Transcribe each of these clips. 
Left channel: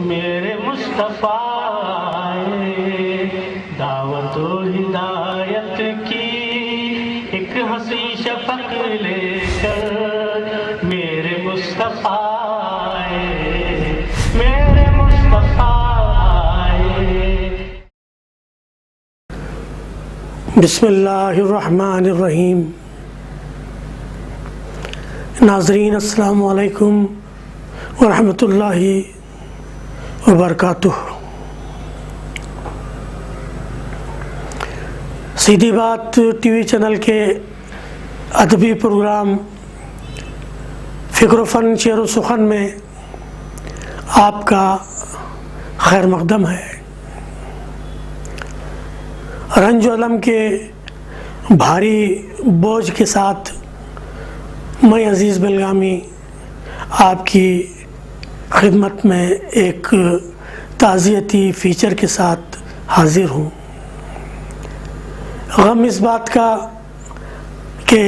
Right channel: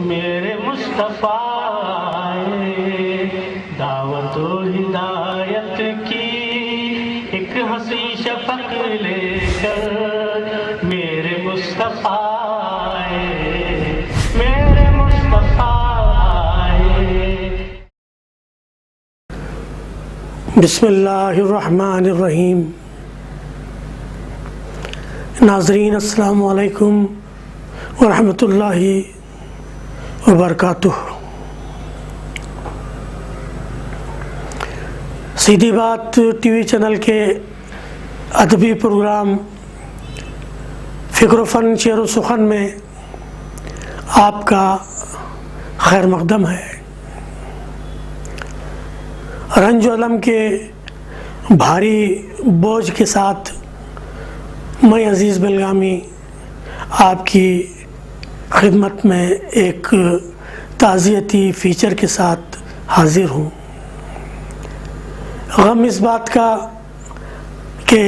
میرے مصطفیٰ دعوت و ہدایت کی ایک ہنسی شفق لے کر میرے مصطفیٰ میرے مصطفیٰ بسم اللہ الرحمن الرحیم۔ ناظرین السلام علیکم ورحمۃ اللہ وبرکاتہ۔ سیدھی بات ٹی وی چینل کے ادبی پروگرام فکر و فن شعر و سخن میں آپ کا خیر مقدم ہے۔ رنج و علم کے بھاری بوجھ کے ساتھ میں عزیز بلگامی آپ کی خدمت میں ایک تعزیتی فیچر کے ساتھ حاضر ہوں۔ غم اس بات کا کہ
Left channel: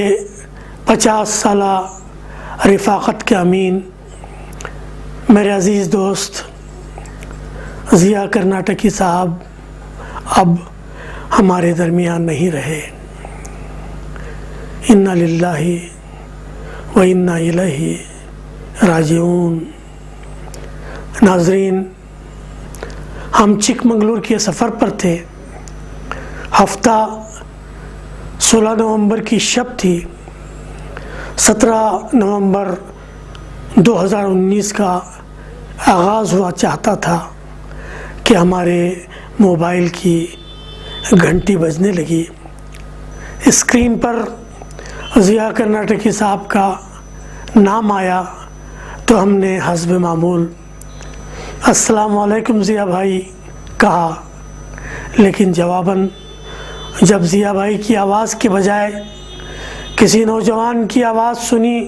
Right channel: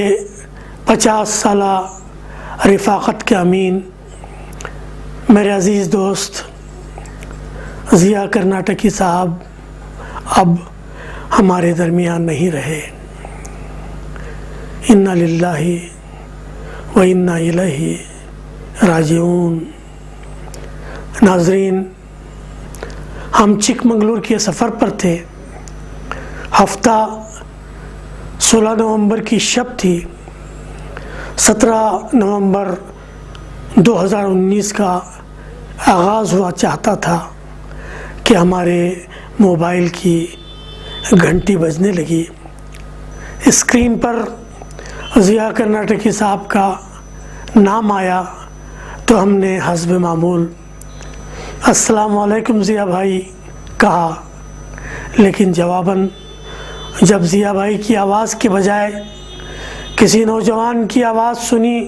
50 سالہ رفاقت کے امین میرے عزیز دوست ضیاء کرناٹکی صاحب اب ہمارے درمیان نہیں رہے۔ انا للہ و انا الیہ راجعون۔ ناظرین، ہم چک منگلور کے سفر پر تھے۔ ہفتہ 16 نومبر کی شب تھی۔ 17 نومبر 2019 کا آغاز ہوا چاہتا تھا کہ ہمارے موبائل کی گھنٹی بجنے لگی۔ اسکرین پر ضیاء کرناٹکی صاحب کا نام آیا تو ہم نے حسب معمول السلام علیکم ضیاء بھائی کہا، لیکن جواباً جب ضیاء بھائی کی آواز کے بجائے کسی نوجوان کی آواز سنی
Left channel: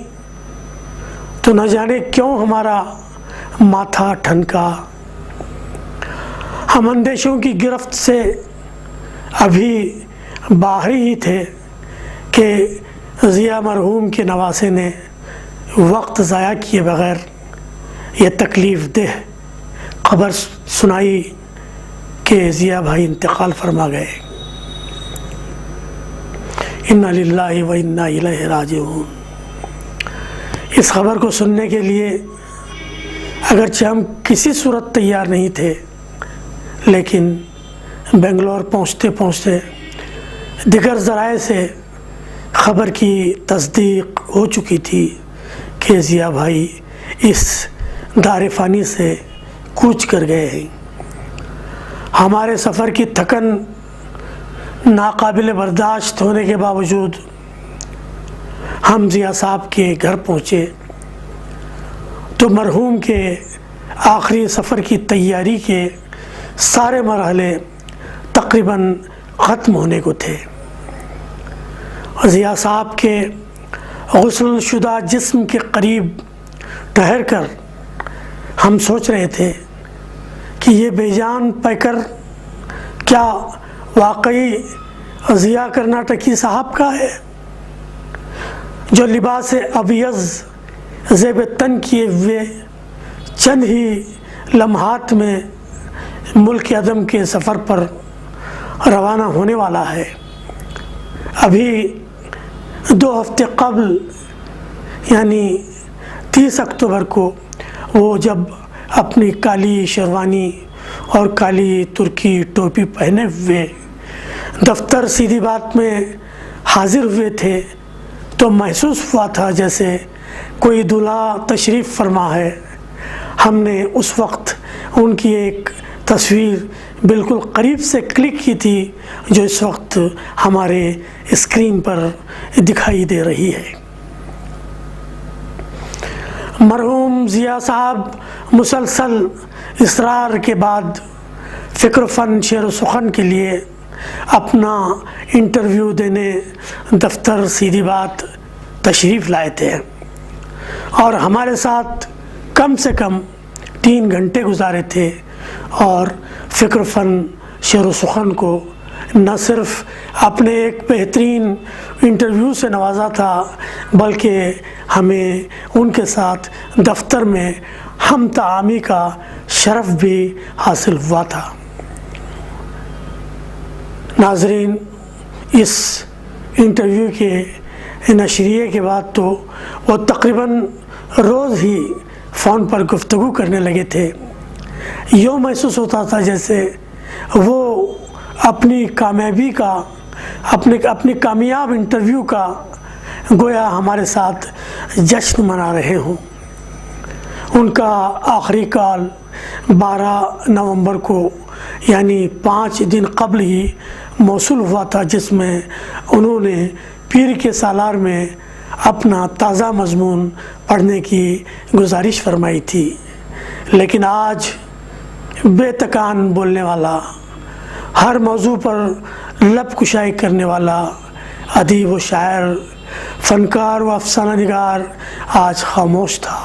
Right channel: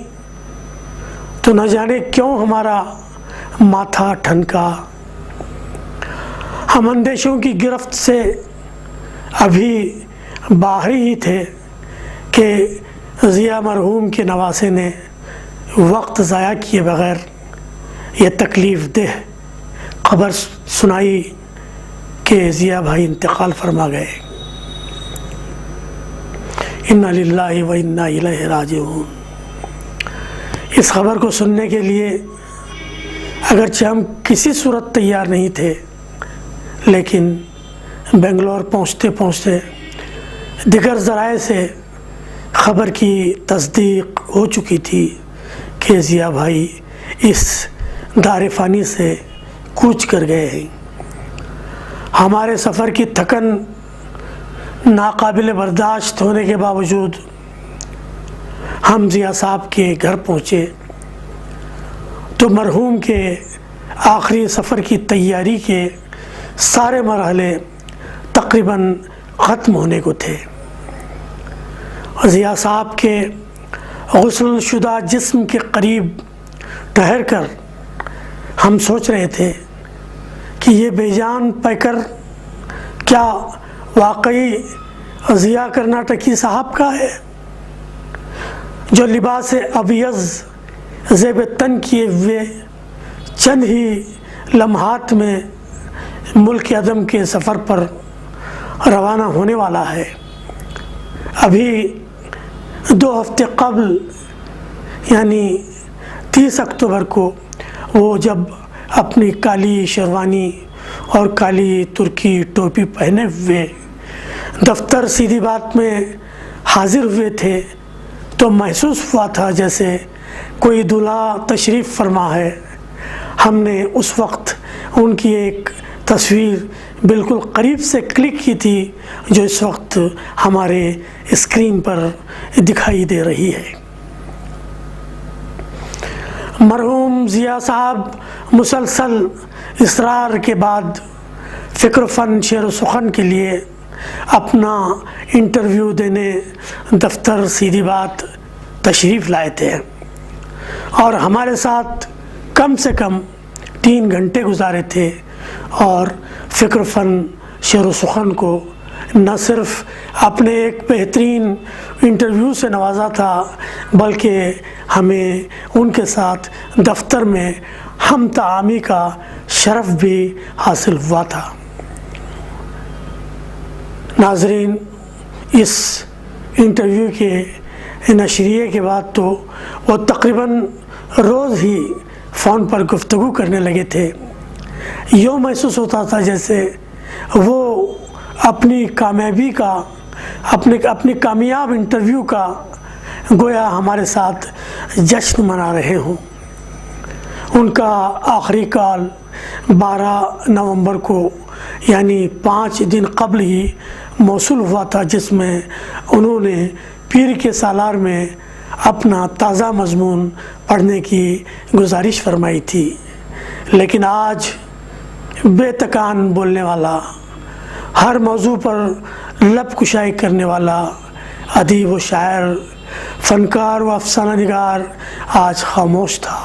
تو نہ جانے کیوں ہمارا ماتھا ٹھنکا۔ ہم اندیشوں کی گرفت سے ابھی باہر ہی تھے کہ ضیاء مرحوم کے نواسے نے وقت ضائع کیے بغیر یہ تکلیف دہ خبر سنائی کہ ضیاء بھائی انتقال فرما گئے۔ انا للہ و انا الیہ راجعون۔ اس خبر کو سننے کے لیے اگرچہ ہم کسی صورت تیار نہیں تھے، لیکن بنگلور پہنچتے پہنچتے دیگر ذرائع سے خبر کی تصدیق ہو چکی تھی کہ ضیاء بھائی اس دار فانی سے کوچ کر گئے ہیں۔ ہمارے سفر کی تھکن ناقابل برداشت ہونے کے باوجود ہم ضیاء صاحب کے گھر پہنچے تو مرحوم کے آخری سفر کی تیاری کے سارے مرحلے تقریباً ختم ہونے کو تھے۔ ضیاء صاحب کے غسل شدہ جسم کے قریب ٹھہر کر ہم سوچ رہے تھے کہ یہ بے جان پیکر کیا واقعی ضیاء کرناٹکی صاحب کا ہے، جو لباس ابیض زیب تن کیے ہوئے چند ہی لمحات میں ملک عدم کے سفر پر روانہ ہونے والا ہے۔ ابھی 2 ہفتے قبل یعنی 30 اکتوبر کو وہ جب اپنی کالی شیروانی اور کالی ترکی ٹوپی پہنے ہوئے دفتر سیدھی بات میں حاضر ہوئے تھے تو محسوس ہوا تھا جیسے کوئی دولہا تشریف فرما ہے۔ ہم نے اس وقت ان کی ایک تصویر بالکل قریب سے کلک کی تھی جو اس وقت ہمارے اسکرین پر دکھائی دے رہی ہے۔ مرحوم ضیاء صاحب مسلسل اصرار کے بعد فکر و فن شعر و سخن کے لیے اپنا انٹرویو دینے دفتر سیدھی بات تشریف لائے تھے اور ہمارے ساتھ کم سے کم 3 گھنٹے گزارے تھے، اور فکر و فن شعر و سخن کو نہ صرف اپنے ایک بہترین انٹرویو سے نوازا تھا بلکہ ہمیں ان کے ساتھ دفتر میں ہم تعامی کا شرف بھی حاصل ہوا تھا۔ ناظرین، اس انٹرویو کے نشریے کے بعد تو وہ تقریباً روز ہی فون پر گفتگو کرنے لگے تھے۔ یوں محسوس ہوتا تھا جیسے وہ اپنی کامیابی کا، اپنی کامیاب انٹرویو کا گویا ہمارے ساتھ جشن منا رہے ہوں۔ ان کا آخری کال 12 نومبر کو یعنی 5 دن قبل ہی موصول ہوا تھا، جس میں انہوں نے پیر کے سالار میں اپنا تازہ مضمون پڑھنے کی گزارش فرمائی تھی۔ لیکن آج بے تکان بولنے والا، ہر موضوع پر لب کشائی کرنے والا ادیب و شاعر، فنکار و افسانہ نگار آج خاموش تھا۔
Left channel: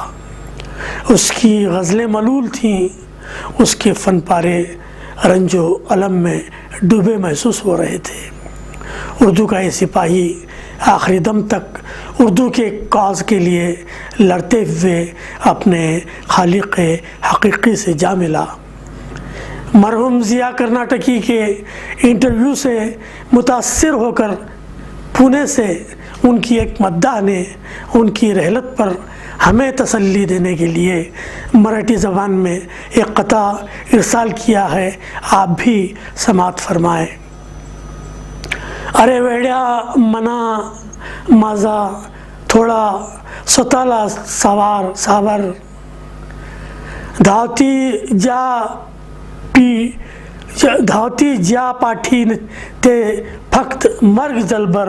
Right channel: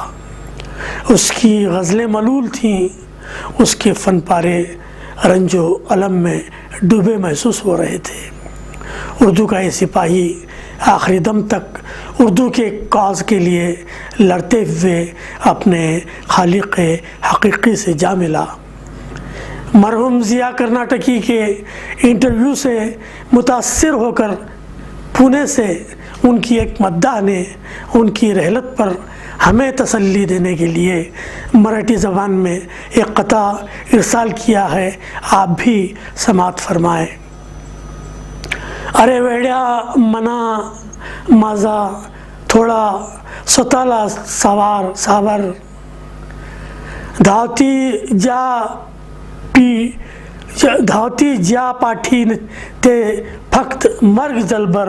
اس کی غزلیں ملول تھیں، اس کے فن پارے رنج و الم میں ڈوبے محسوس ہو رہے تھے۔ اردو کا یہ سپاہی آخری دم تک اردو کے کاز کے لیے لڑتے ہوئے اپنے خالق حقیقی سے جا ملا۔ مرحوم ضیاء کرناٹکی کے انٹرویو سے متاثر ہو کر پونے سے ان کی ایک مداح نے ان کی رحلت پر ہمیں تسلی دینے کے لیے مراٹھی زبان میں ایک قطعہ ارسال کیا ہے، آپ بھی سماعت فرمائیں۔ ارے ویڑیا منا مازا تھوڑا سوتالا ساور دھاوتی جا پاٹھی تے فقط مرگ جلبر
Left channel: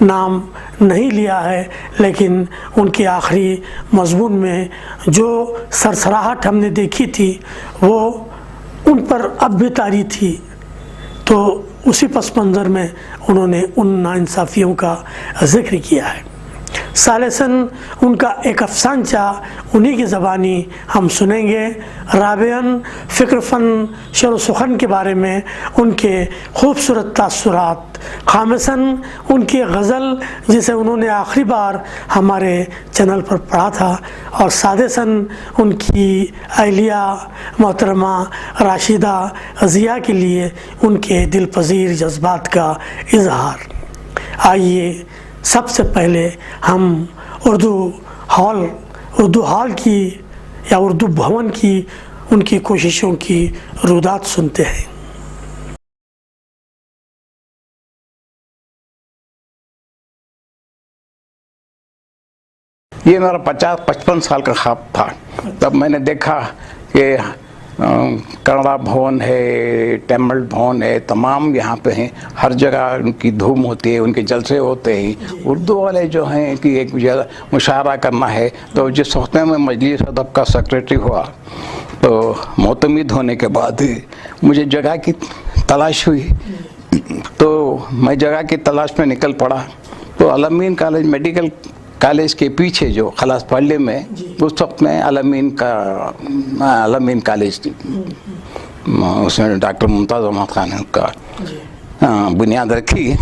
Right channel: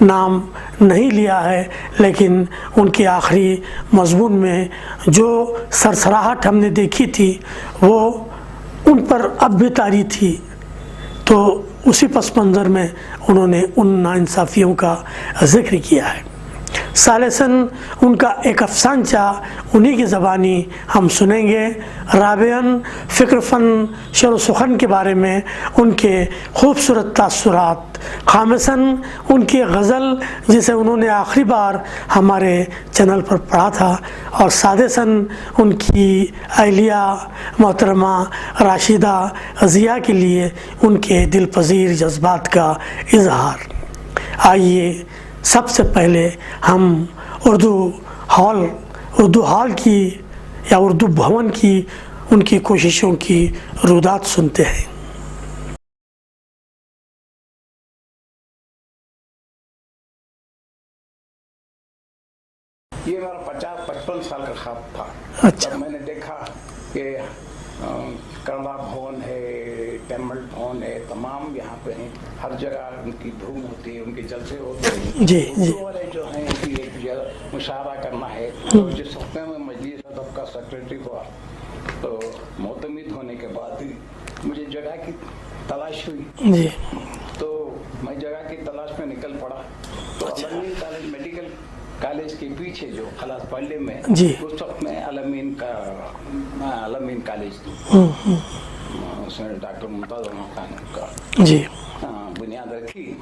نام نہیں لیا ہے، لیکن ان کے آخری مضمون میں جو سرسراہٹ ہم نے دیکھی تھی وہ ان پر اب بھی طاری تھی، تو اسی پس منظر میں انہوں نے ان ناانصافیوں کا ذکر کیا ہے۔ ثالثاً ان کا ایک افسانچہ انہی کی زبانی ہم سنیں گے، رابعاً فکر فن شعر و سخن کے بارے میں ان کے خوبصورت تاثرات، خامساً ان کی غزل جسے انہوں نے آخری بار ہمارے چینل پر پڑھا تھا، اور سادساً ان کی اہلیہ محترمہ راشدہ ضیاء کے لیے ان کے دل پذیر جذبات کا اظہار۔ آئیے سب سے پہلے ہم اردو ہال کی یا اردو بھون کی ان کی کوششوں کی رودات سنتے ہیں۔ یہ میرا 50-55 سال کا خواب تھا۔ تب میں نے دیکھا کہ کنڑا بھون ہے، ٹیمل بھون ہے، تمام یہاں پہ ہیں، ہر جگہ ان کی دھوم ہوتی ہے، ان کے جلسے ہوتے ہیں۔ اردو والے جو ہیں کہ ایک مشاعرہ کرنا ہے، تو جس وقت میں مجلس ادب کا سیکریٹری ہوا تو معتمد ہونے کے بعد مجھے جگہ کی تلاش ہوئی، تو میں جگہ کی تلاش میں نکل پڑا۔ تو الامین کالج میڈیکل کالج کے پیچھے جو خلاص پہلے میں اس وقت میں الامین کالج اس میں ڈاکٹر ممتاز احمد خان کا بنیاد رکھی۔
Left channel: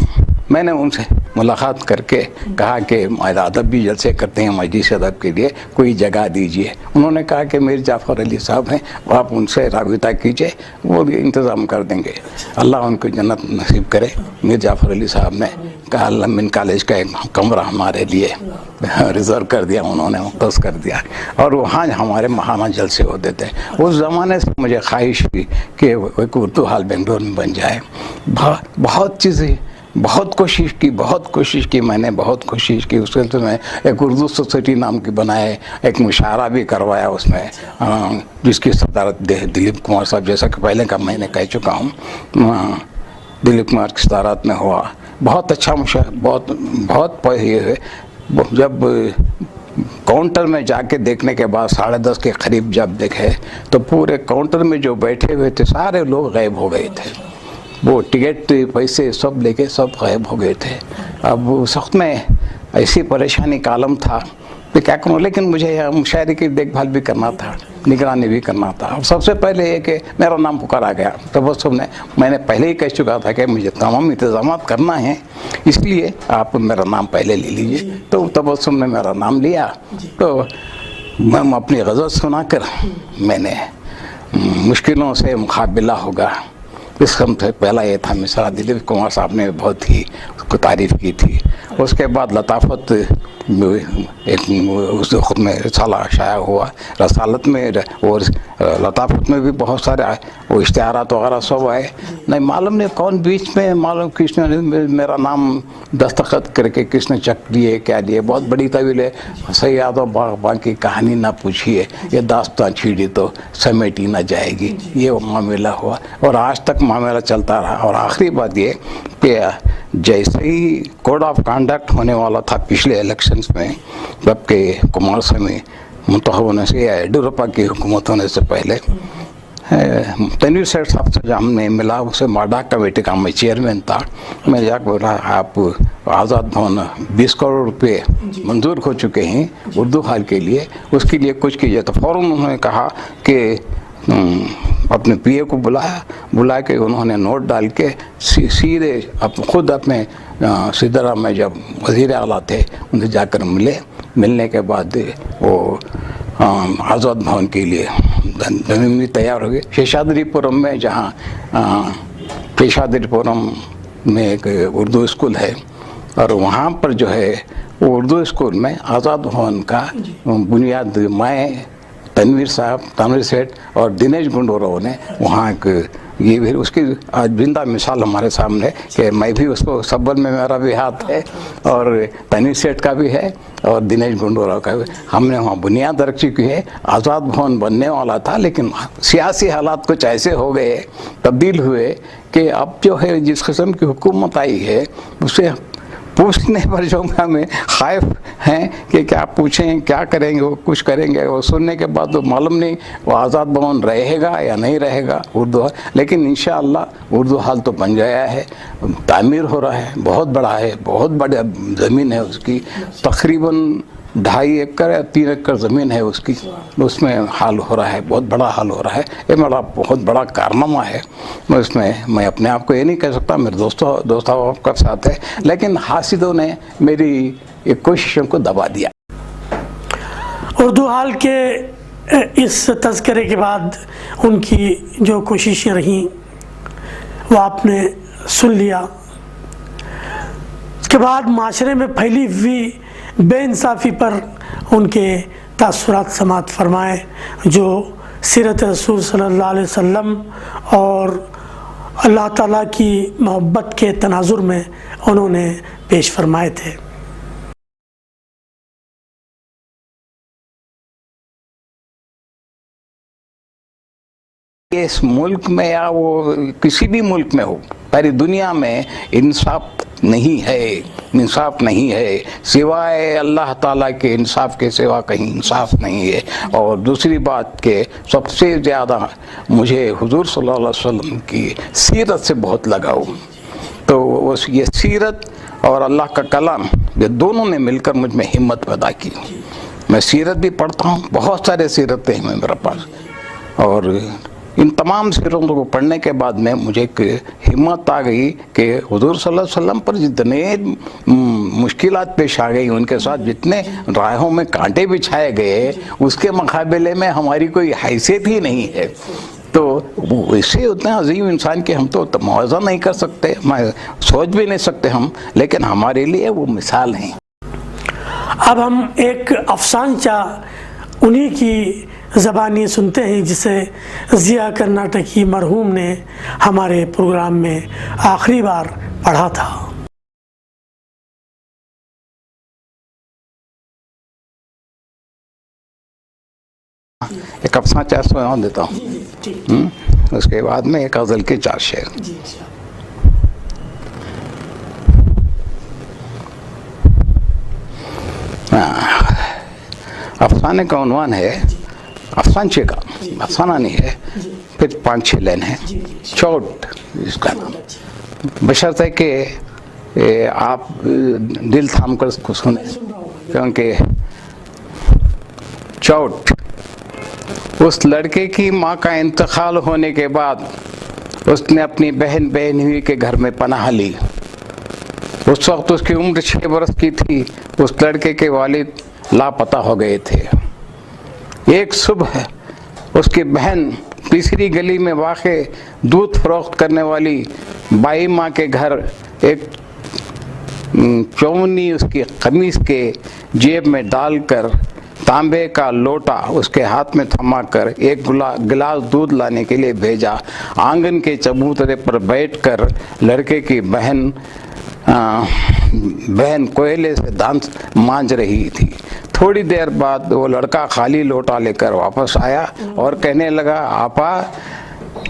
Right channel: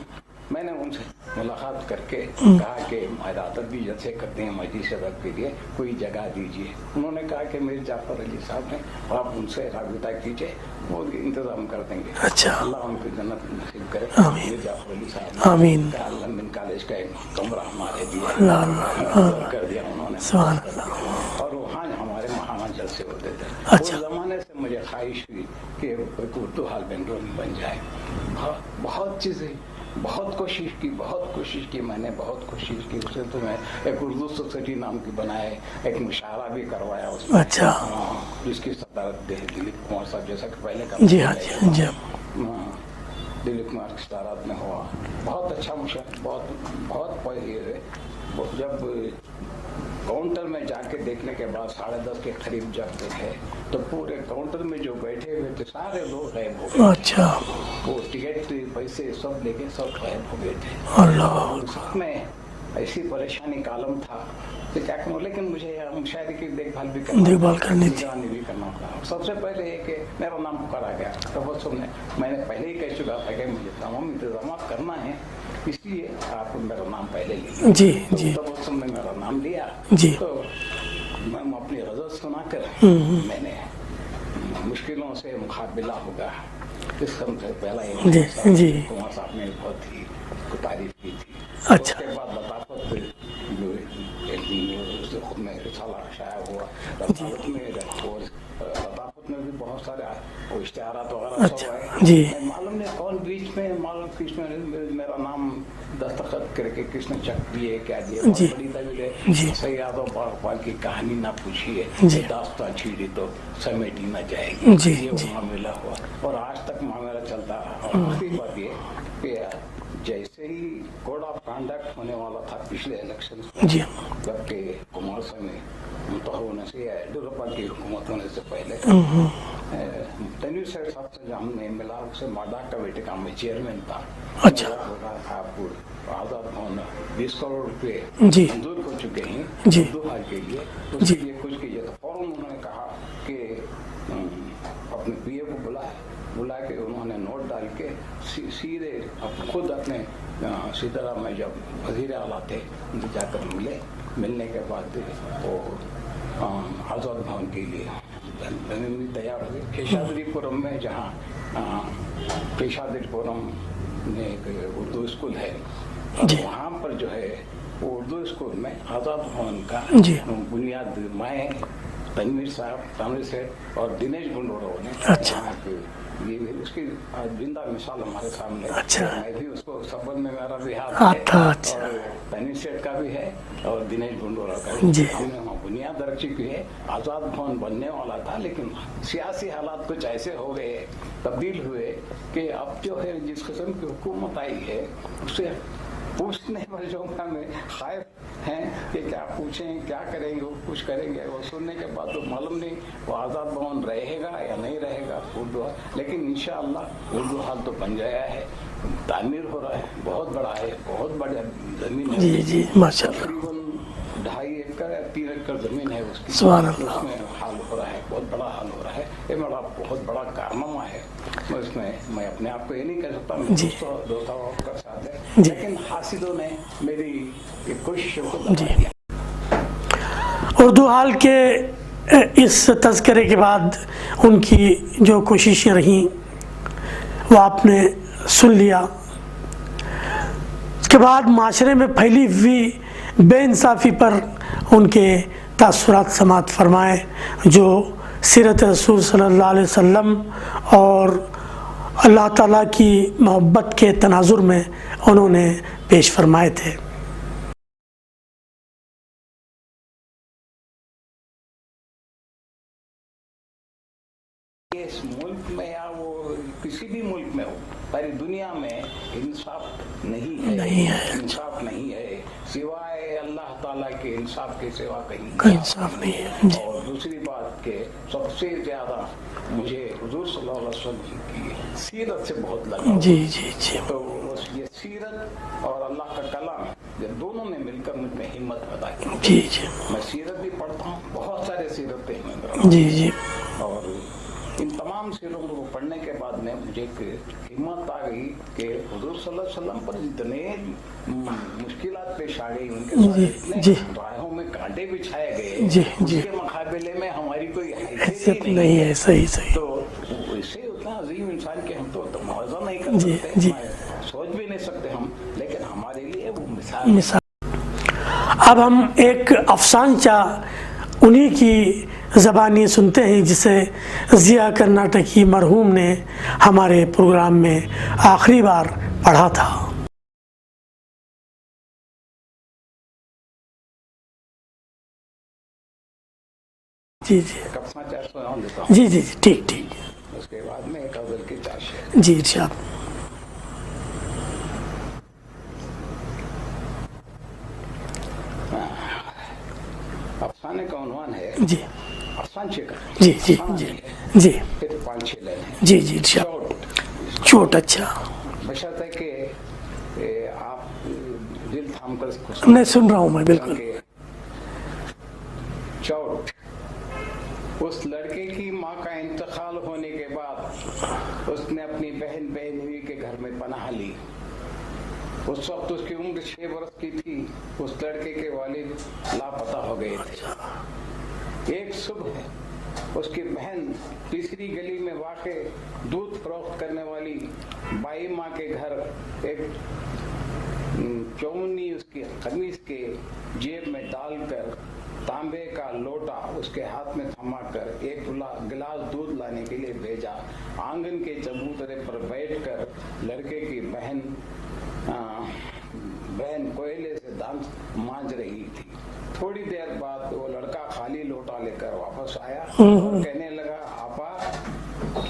میں نے ان سے ملاقات کر کے کہا کہ ادب بھی جلسے کرتے ہیں، مجلس ادب کے لیے کوئی جگہ دیجیے۔ انہوں نے کہا کہ میر جعفر علی صاحب ہیں، آپ ان سے رابطہ کیجیے، وہ بھی انتظام کر دیں گے۔ اللہ ان کو جنت نصیب کرے۔ میر جعفر علی صاحب نے کہا الامین کالج کا ایک کمرہ ہمارے لیے ریزرو کر دیا، انہوں نے مختص کر دیا، اور وہاں ہمارے ماہانہ جلسے ہوتے تھے۔ اس زمانے سے مجھے خواہش ہوئی کہ ایک اردو ہال بنگلور میں بن جائے۔ بہت چیزیں بہت کوشش کی میں نے بہت کوشش کی۔ اس سے میں ایک اردو سوسائٹی نام کی بنائے، ایک مشاعرہ بھی کروایا اس میں، جس کی صدارت دلیپ کمار صاحب، جیسا کہ پہلے کا میں نے کہہ چکا ہوں، دلیپ کمار کی صدارت میں ہوا۔ بہت اچھا مشاعرہ، بہت جب کاؤنٹر میں جا کے دیکھنے کے بعد 10:30 کے قریب جب دیکھے تو پورے کاؤنٹر میں جو بیٹھے ہوئے تھے سارے لوگ غائب ہو گئے تھے۔ وہ ٹکٹ پیسے سب لے کے سب غائب ہو گئے تھے۔ اب اس وقت میں ایسی پریشانی کا عالم تھا کہ کیا کروں، لیکن مجھے مشاعرے کی دیکھ بھال بھی کرنا تھا، نگرانی بھی کرنا تھا۔ سب سے پہلے یہ کہ میرا نام پکارا گیا تبسم نے، میں نے پہلے ہی کہہ چکا تھا کہ مجھے تمام انتظامات کرنا ہے، اس لیے آپ میرا نام پہلے لے لیجیے۔ تو تبسم نے میرا نام لیا، تو میں اپنی غزل سنا کر میں نے مشکلوں سے مقابلہ ہوگا، اس سم سے پہلا یہ تھا۔ مثلا دلیپ کمار صاحب نے بہت ہی اس کو تعریف کی تھی۔ اس کے بعد لطافت ایک اس خود میں رسالہ شائع ہوا، رسالت میں اور لطافت میں بھی بہت سارے وہ اشتہارات وغیرہ سب آئے۔ نہیں معلوم نہیں کون بیچ میں معلوم کس نے میرا نام دستخط کر کے کس نے چک دیے کیا دیے، بہت بڑی طویل ہے۔ سیاد و باغبان کی کہانی نہ پوچھیے، یہ داستان چھیڑی تو سمیٹی نہ جائے گی، یہ معاملہ ہوا اور آج تک معاملہ چلتا رہا۔ اور آخری بات یہ کہ جیسے ہی کوڈ آف کنڈکٹ ہونے والا تھا پچھلے الیکشنز میں، جبکہ کمار سوامی منتخب ہونے سے یا یڈیورپا کی حکومت ہونے سے پہلے تنویر سیٹھ صاحب سے ہم نے ملا، اسے ماڈا کمیٹی کا میں چیئرمین تھا۔ میں جا کے بولا آپ آزاد بھون 20 کروڑ روپے منظور ہو چکے ہیں اردو ہال کے لیے، اس کے لیے کچھ کیجیے۔ تو فوراً انہوں نے کہا کہ اپنے پی اے کو بلا کے انہوں نے نوٹ ڈال کے سیدھے خود اپنے سدرا میں جب وزیر اعلیٰ تھے ان سے جا کر ملنے کے بعد وہ آزاد بھون کے لیے زمین بھی تیار ہو گئی۔ شیشادری پورم میں، جہاں شیشادری پورم میں ایک اردو اسکول ہے، اور وہاں پر جو ہے وہ اردو اسکول میں آزاد بھون کا بنیاد میں تنویر سیٹھ اور دنیش گنڈوراؤ نے وہاں یہ بھی اس کی آج زندہ مثال ہمارے سامنے کہ میں بھی اس کو سبل میں میرا بھی ہاتھ ہے، اور تنویر سیٹھ کا بھی ہے اور دنیش گنڈوراؤ کا بھی۔ ہم نے وہاں بنیاد رکھ چکی ہے۔ آزاد بھون بننے والا تھا، لیکن سیاسی حالات کچھ ایسے ہو گئے، تبدیل ہوئے کہ اب جو ہے جس قسم کی حکومت آئی ہے اسے پوچھنے پر جو ہمیں خائف ہیں کہ کیا پوچھیں کیا کریں گے، وہ کچھ کریں گے، وہ سننے کے بعد تو معلوم نہیں وہ آزاد بھون رہے گا یا نہیں رہے گا اردو حال. لیکن انشاءاللہ اردو حال تو بن گیا ہے، تعمیر ہو رہا ہے، بہت بڑا ہے، بہت بڑا زمین ہے اس کی، تقریباً 2.5 ایکڑ یا 3 ایکڑ زمین ہے اس کی، اس میں حال ہو رہا ہے، بہت بڑا حال ہو رہا ہے. یہ میرا بہت بڑا کارنامہ ہے. اس میں میں اپنے آپ کو یہ نہیں کہہ سکتا، میرے دوستوں کا ساتھ ہے، لیکن حاسدوں نے میری ایک کوششوں کو دبا دیا. اردو حال کے اس تذکرے کے بعد ان کی جو کوششیں رہیں وہ آپ نے سن لیا. اس کے بعد معاشرے میں پھیلی ہوئی بے انصافی پر ان کے تاثرات سماعت فرمائے جو سیرت رسول صلی اللہ علیہ وسلم اور اللہ تعالیٰ کی محبت کے تناظر میں انہوں نے پیش فرمائے تھے. اس ملک میں یا وہ کسی بھی ملک میں ہو، پوری دنیا میں انصاف نہیں ہے، انصاف نہیں ہے، سوائے اللہ تعالیٰ کے انصاف کے سوا کہیں انصاف نہیں ہے. اور دوسری بات کہ سب سے زیادہ مجھے حضور صلی اللہ علیہ وسلم کی سیرت سے بہت لگاؤ. تو یہ سیرت اور اللہ کا کلام یہ دونوں نے مل کر مجھ میں ہمت پیدا کی. میں سیرت بھی پڑھتا ہوں، بہت سارے سیرتیں ہیں میرے پاس، اور ان تمام سیرتوں کو پڑھنے کے بعد میں مجھے ایک ہمت آ گئی کہ حضور صلی اللہ علیہ وسلم پر جتنے مشکلات پیش آ گئی، ان کے ساتھ جتنے راہوں میں کانٹے بچھائے گئے، اس کے مقابلے میں ہماری کوئی حیثیت ہی نہیں ہے. تو اس سے اتنا عظیم انسان کے ہم تو موازنہ نہیں کر سکتے، سوچ بھی نہیں سکتے ہم، لیکن ہمارے لیے وہ مثال ہے. اب ہم ایک افسانچہ انہی کی زبانی سنتے ہیں جسے ضیاء کرناٹکی مرحوم نے ہمارے پروگرام میں آخری بار پڑھا تھا. ایک افسانہ سنا دیتا ہوں. جی ٹھیک. اس کے بعد میں ایک غزل کے 4 شعر. جی ارشاد. افسانے کا عنوان ہے، افسانچے کا، افسانہ نہیں ہے، پھر 5-6 لائن ہے. چوٹ. اچھا. بشرطے کہ آپ دل تھام کر اس کو سن رہا ہوں میں، کیونکہ چوٹ. اس لڑکے کی ماں کا انتقال ہونے کے بعد اس نے اپنی بہن ہوئی کے گھر میں پناہ لی. اس وقت اس کی عمر 6 برس کی تھی. اس لڑکے کے والد لاپتہ ہو گئے تھے. ایک صبح اس کی بہن تیسری گلی میں واقع دودھ فروخت کرنے والی بائی ماں کے گھر ایک چونی اس کی قمیص کے جیب میں ڈال کر تانبے کا لوٹا اس کے ہاتھ میں تھما کر ایک گلاس دودھ لانے کے لیے بھیجا. آنگن کے چبوترے پر بیٹھ کر لڑکے کی بہن کوئلے سے دانت مانج رہی تھی. تھوڑی دیر بعد وہ لڑکا خالی لوٹا لے کر واپس آیا اور کہنے لگا، آپا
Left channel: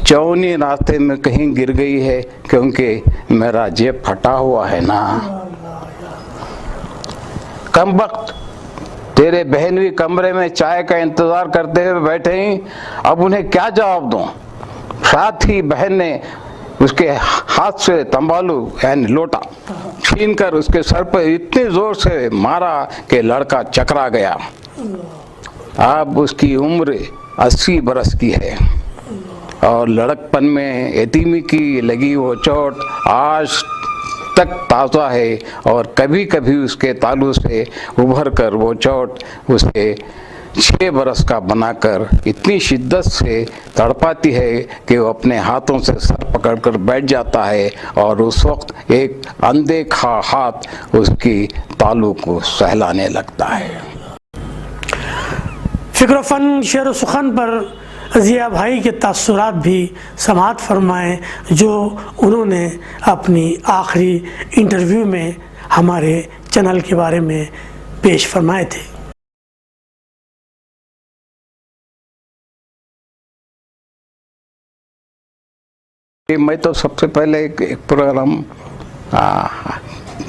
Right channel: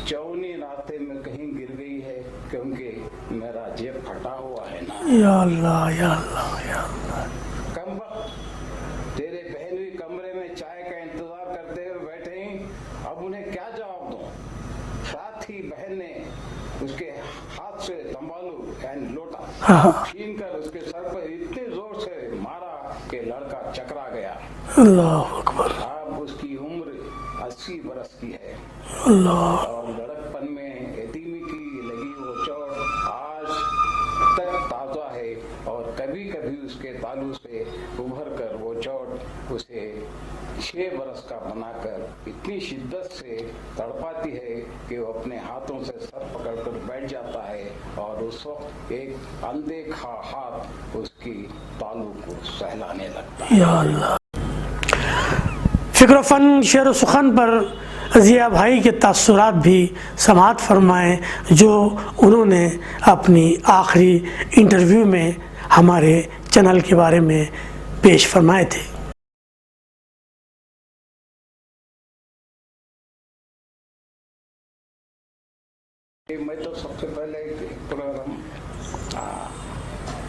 چونی راستے میں کہیں گر گئی ہے کیونکہ میرا جیب پھٹا ہوا ہے نا. کم وقت تیرے بہنوئی کمرے میں چائے کا انتظار کرتے ہوئے بیٹھے ہیں، اب انہیں کیا جواب دوں. ساتھ ہی بہن نے اس کے ہاتھ سے تنبالو یعنی لوٹا چھین کر اس کے سر پر اتنے زور سے مارا کہ لڑکا چکرا گیا. اب اس کی عمر 80 برس کی ہے اور لڑکپن میں یتیمی کی لگی وہ چوٹ آج تک تازہ ہے، اور کبھی کبھی اس کے تالو سے ابھر کر وہ چوٹ اسے 6 برس کا بنا کر اتنی شدت سے تڑپاتی ہے کہ وہ اپنے ہاتھوں سے سر پکڑ کر بیٹھ جاتا ہے، اور اس وقت ایک اندیکھا ہاتھ اس کی تالو کو سہلانے لگتا ہے. فکر و فن شعر و سخن پر ضیاء بھائی کے تاثرات بھی سماعت فرمائیں جو انہوں نے اپنی آخری انٹرویو میں ہمارے چینل کے بارے میں پیش فرمائے تھے. میں تو سب سے پہلے ایک پروگرام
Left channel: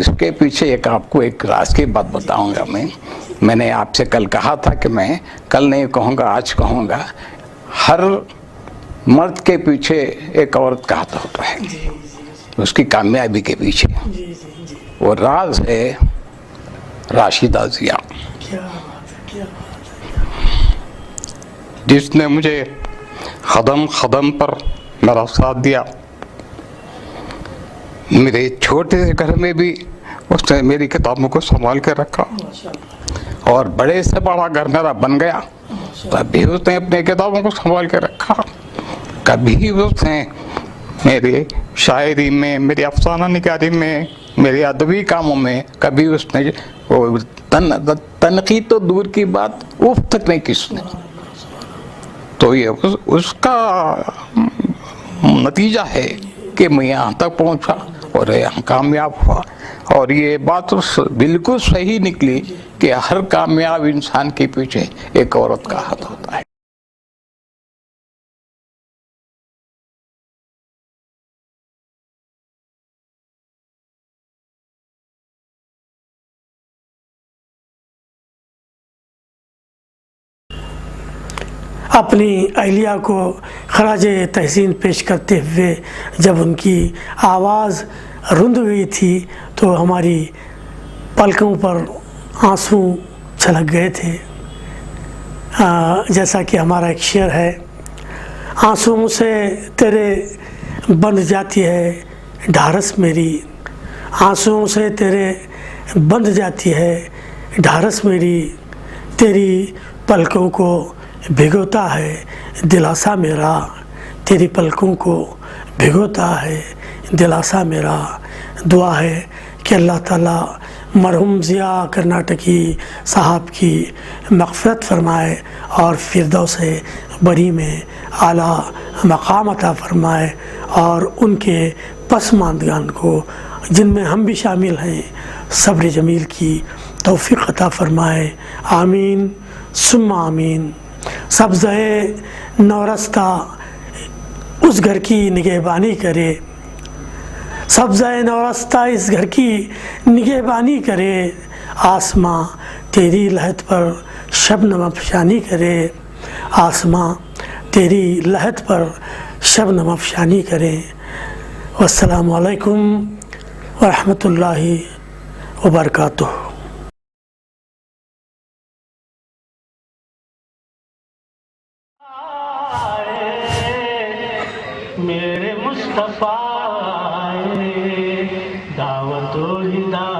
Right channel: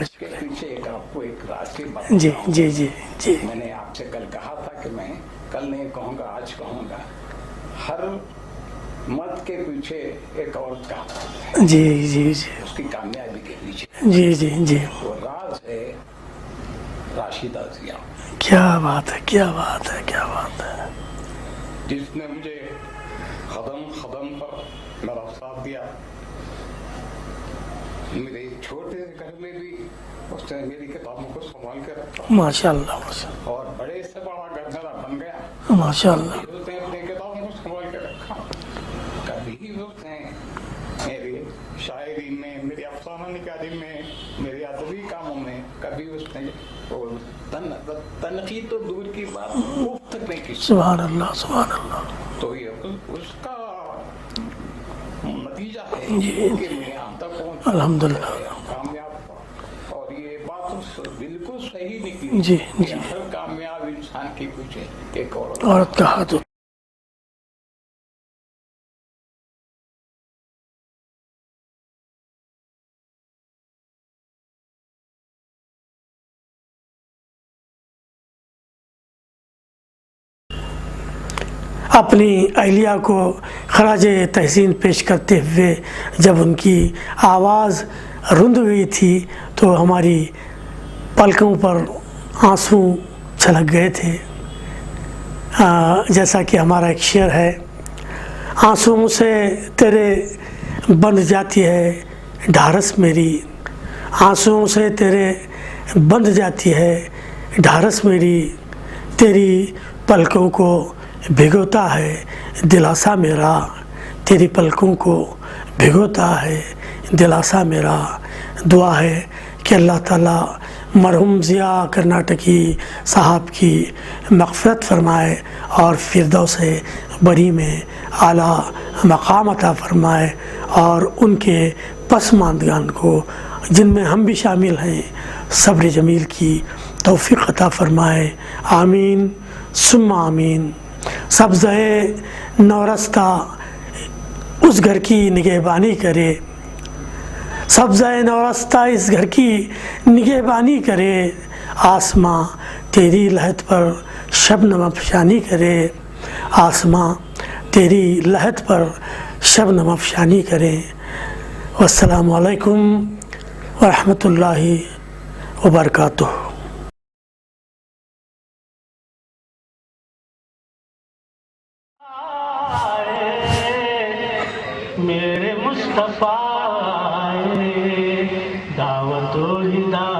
اس کے پیچھے ایک آپ کو ایک راز کی بات بتاؤں گا میں. میں نے آپ سے کل کہا تھا کہ میں کل نہیں کہوں گا، آج کہوں گا. ہر مرد کے پیچھے ایک عورت کا ہاتھ ہوتا ہے. جی جی جی. اس کی کامیابی کے پیچھے. جی جی جی. وہ راز ہے راشدہ ضیا. کیا بات ہے، کیا بات ہے، کیا بات ہے. جس نے مجھے قدم قدم پر میرا ساتھ دیا. میرے چھوٹے سے گھر میں بھی اس نے میری کتابوں کو سنبھال کے رکھا. ماشاء اللہ. اور بڑے سے بڑا گھر میرا بن گیا. ماشاء اللہ. کبھی اس نے اپنے کتابوں کو سنبھال کے رکھا. کبھی اس نے میری شاعری میں، میری افسانہ نگاری میں، میری ادبی کاموں میں کبھی اس نے تنقید تو دور کی بات اف تک نہیں کی. سبحان اللہ، سبحان اللہ. تو یہ اس کا نتیجہ ہے کہ میں یہاں تک پہنچا اور یہاں کامیاب ہوا. اور یہ بات بالکل صحیح نکلی کہ ہر کامیاب انسان کے پیچھے ایک عورت کا ہاتھ ہے. اپنی اہلیہ کو خراج تحسین پیش کرتے ہوئے جب ان کی آواز رند گئی تھی تو ہماری پلکوں پر آنسو چھلک گئے تھے. جیسا کہ ہمارا ایک شعر ہے، آنسوؤں سے تیرے بندھ جاتی ہے ڈھارس میری، آنسوؤں سے تیرے بندھ جاتی ہے ڈھارس میری، تیری پلکوں کو بھگوتا ہے دلاسا میرا، تیری پلکوں کو بھگوتا ہے دلاسا میرا. دعا ہے کہ اللہ تعالیٰ مرحوم ضیا کرناٹکی صاحب کی مغفرت فرمائے اور فردوس بری میں اعلیٰ مقام عطا فرمائے، اور ان کے پسماندگان کو جن میں ہم بھی شامل ہیں صبر جمیل کی توفیق عطا فرمائے. آمین ثم آمین. سبزۂ نورستہ اس گھر کی نگہبانی کرے، سبزۂ نورستہ اس گھر کی نگہبانی کرے، آسماں تیری لحد پر شبنم افشانی کرے، آسماں تیری لحد پر شبنم افشانی کرے. والسلام علیکم ورحمۃ اللہ وبرکاتہ. میرے مصطفیٰ دعوت و ہدایت